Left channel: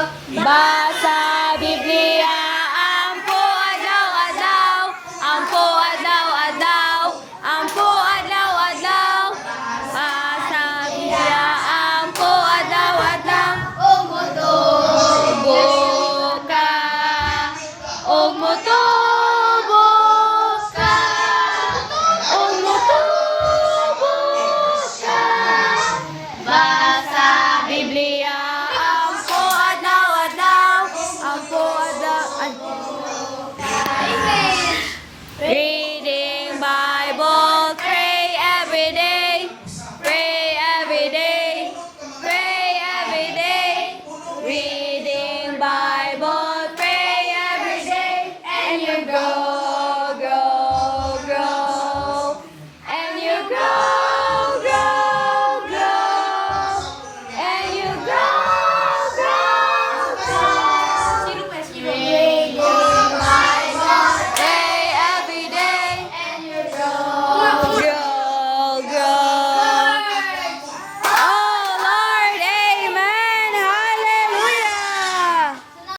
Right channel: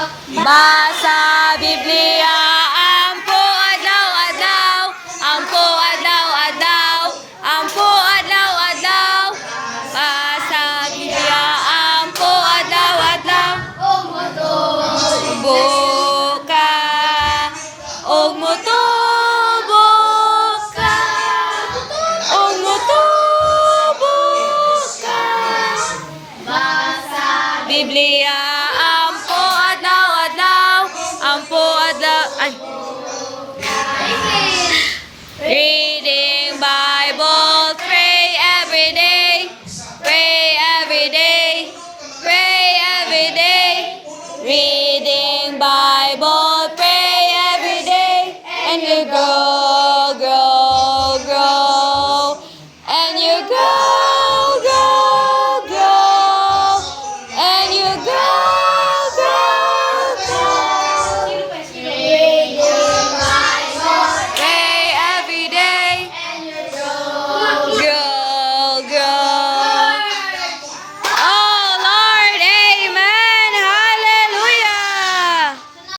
Basa Biblia, ampo adlaw-adlaw, ampo adlaw-adlaw, ampo adlaw-adlaw. Basa Biblia, ampo adlaw-adlaw. Buka, og motubo ka, og motubo ka. Basa Biblia.